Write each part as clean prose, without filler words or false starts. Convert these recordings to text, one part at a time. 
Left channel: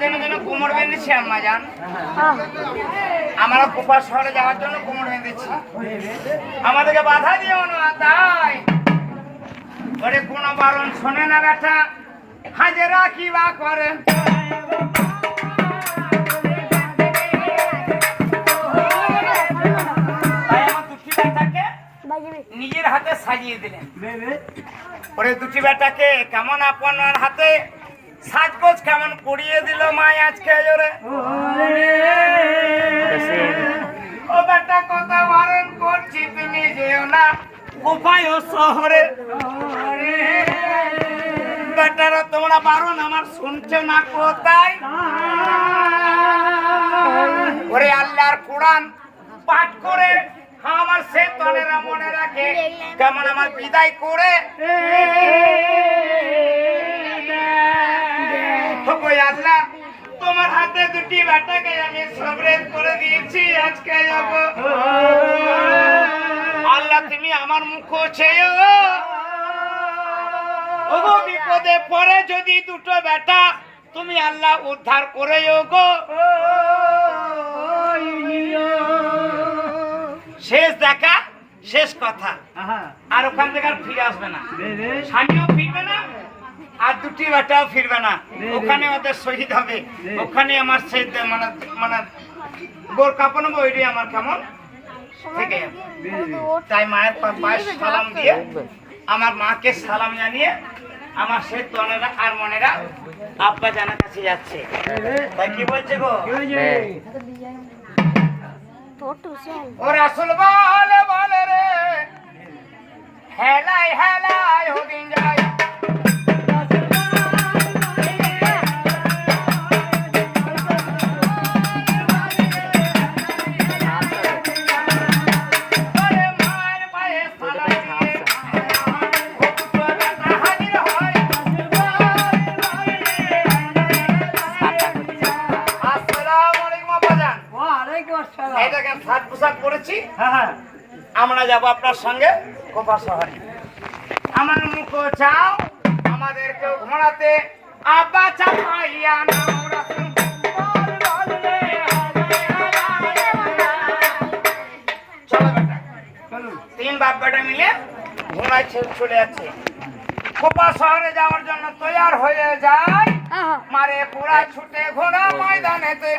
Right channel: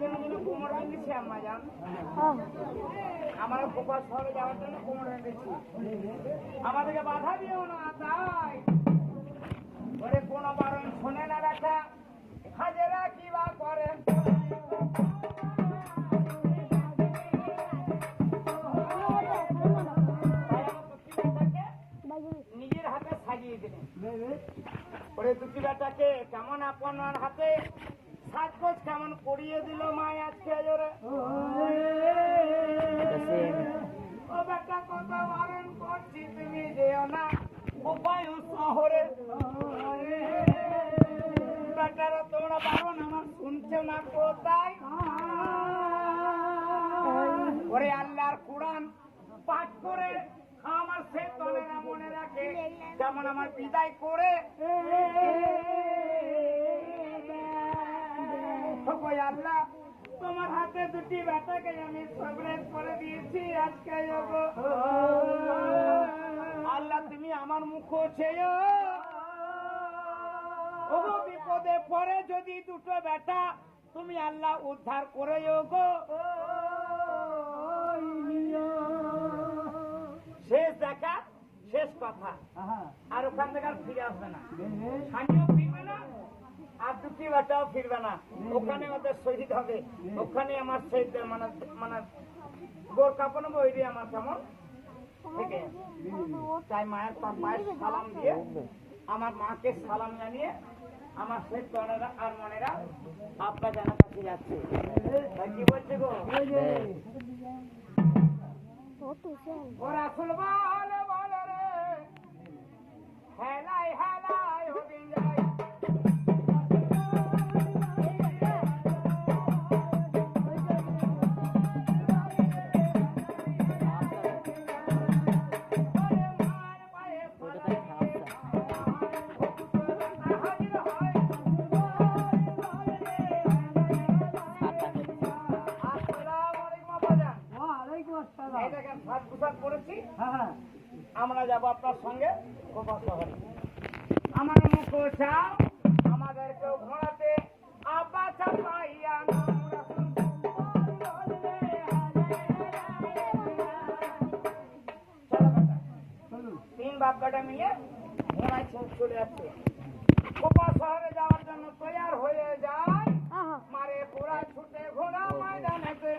যেন যেন কোমর বেঁধেছি আম্মা জান, আমরা কোপার শহরে যাওয়ার জন্য কোমর বেঁধেছি, আমাদেরকে বাধা দিও না। তাই ওরে কোনো বারণ শোনে না বেটা, হাজেরা কি বা করে। নিজের হাতে সাজিয়ে দিলেন। ওরে দুটি বেটাকে কেমন আপনার হাতে সাজগোজ কেমন করিয়ে দিল মাই আজকে জোরে। ও বেটা কথা বারণ করছি, তুমি যেও না কোপায় শহরে। বেটারা তোমরা বারণ আমার শুনছো না কোথায়? ওরে আল্লাহর কোরআন পাঠ করে আমার সে তনেরা মনে রাখে কেমন আমার বিদায় করে। আল্লাহ তোমার হাতে দুটি বেটাকে আমি সবরেজ করে দিয়েছি আজকে যাব। আল্লাহ তুমি আমার মুখ চেয়েও, ওগো বিপদে পড়ে যদি দুটো বেটা তুমি আল্লাহ উদ্ধার করে গো। শেষ দেখা শেষ কথা, আর ওখান থেকে আর ফিরে আসবে না, স্বামীও ফিরবে না আর দুটি বেটাও ফিরবে না, ওখানে ওদের শহীদ হবে, ওখানে আমার সেই মানে মানে গোর কাপড় নেবো, ওইটাই আমার কেমন থেকে। তাই মায়ের পায়ে সালাম দিয়ে আমার মাকে সালাম জানিয়ে আমার সেই তনেরা আর মনেরা আব্বা জানার কাছে যাচ্ছে। তাই কি বলছে গো? ও রাসূল বলে বলে রে, হেলাই হেলাই হদিন যাই। আমরা যাবো আপনার সঙ্গে কোপা শহরে। আমার মুখ চাও আমাদেরকে ঘোরাতে, আব্বা চাপাইয়া তিন বাপ বেটা মিলে ঘোড়ায় চলে যাচ্ছে। কোপা শহরে যাওয়ার জন্য তৈয়ার হয়ে যায়, মারে পুরা ছুটে ঘোড়া ময়দানেতে।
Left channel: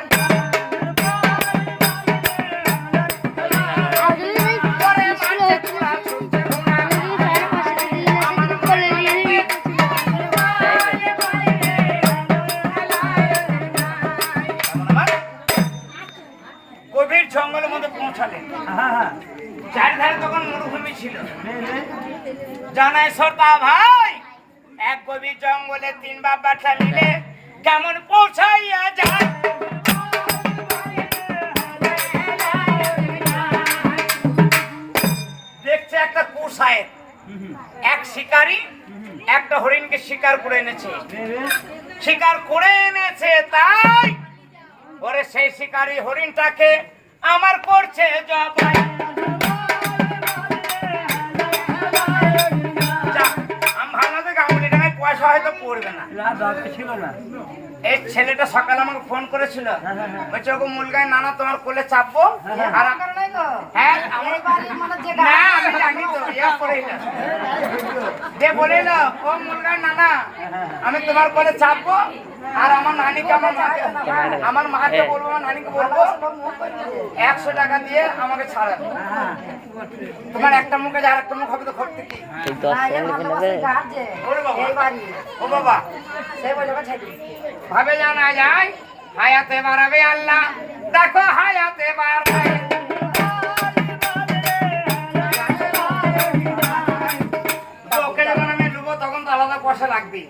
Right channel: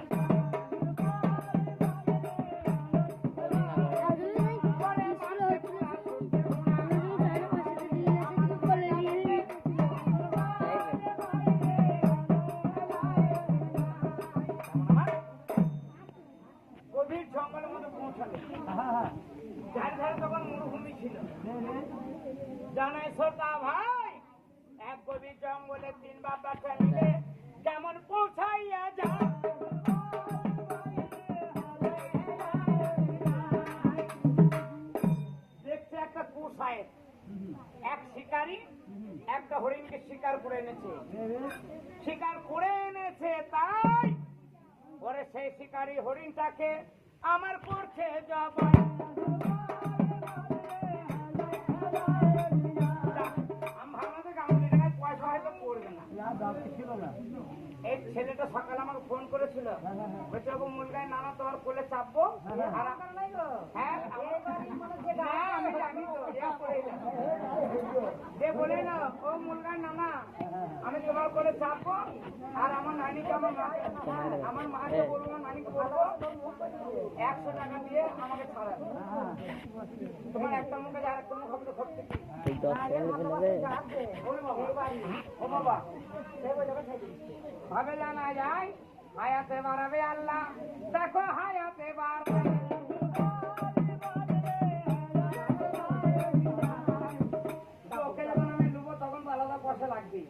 গভীর জঙ্গলের মধ্যে পৌঁছালেন, চারিধারে তখন মরুভূমি ছিল। জানাই শ্রোতা ভাই, এক গভীর জঙ্গলে তিন বাপ বাচ্চা মিলে কেমন পৌঁছাইয়া যায়। দেখছে একটা কুসায়ের এক শিকারী একটা হরিণকে শিকার করে এনেছে, শিকার করে এনেছে। তাই ওরে সেই শিকারী হরিণটাকে আমার করছে জবাই। পয়সা হয়তো পড়বে না, এই ছেলেটা সকালে আমাকে ফোন করেছিল, বলছে ওগো মুলগায় নানা তোমার কোলে চাপবো। আর হ্যাঁ আমি জানি তো, যে বলিল ও মুলগায় নানা আমি তোমার কোলে চাপবো, আর আমার নানিকে আমার মাকে বলবো, আমার নানিকে বলবো 100 টাকা দিয়ে আমাকে ছাড়াবে। তোমার একটা মুখে আর একটা মুখ হবে তো ঘটতে কি? ও বাবা ভাবে জানা যায় হায়াতে বাড়াবে আল্লাহ, দেখো হায়াতে বাড়াবে। ওকে যখন আমি ডুবো তখন তো আলাদা পয়সা লাগবে।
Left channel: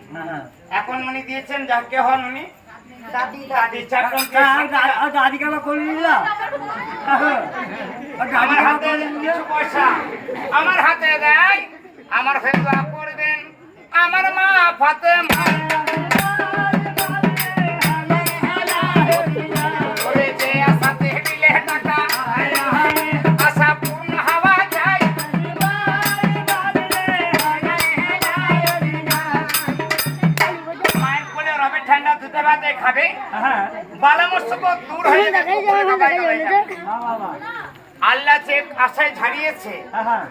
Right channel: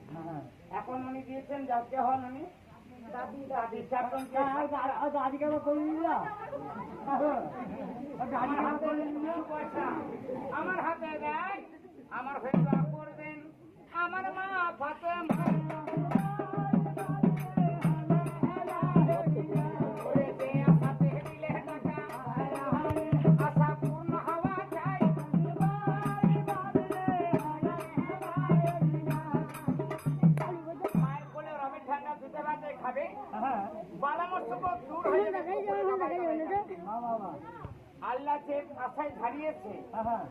এখন উনি দিয়েছেন যাকে হন উনি আমার হাতে কিছু পয়সা আমার হাতে দেয়, আমার ফেসবা করবেন আমার মা ফাতেমা। দুধে ভাতে খাবে বালা মুসিবত দূর হয়ে যাবে আল্লাহ যে আশায় ঝাড়িয়েছে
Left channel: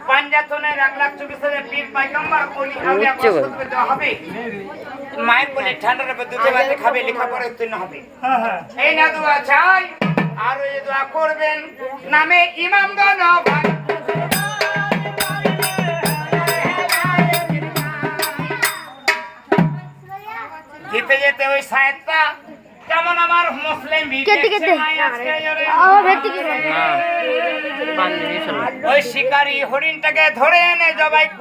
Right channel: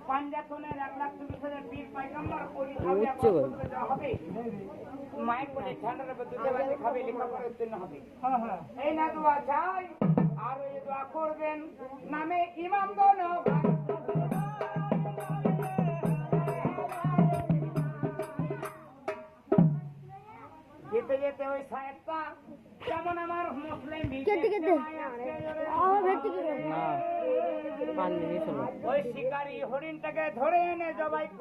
পাঞ্জাতনের 1,24,000 পীর পয়গম্বর ওলি আউলিয়া বসতকে দেওয়া হবে মায়ের বলে ঠান্ডার উপর দুধে ভাতে খাবে লেখাপড়া উত্তীর্ণ হবে এই না দোয়া চাই আর এই দোয়া করবেন নামে ইমামগণ ভাই যেতে যেতে ওই সাহেবটা কেমন আমার মুসলিম ওই শিকারী হরিণটাকে ধরে এনে জবাই করে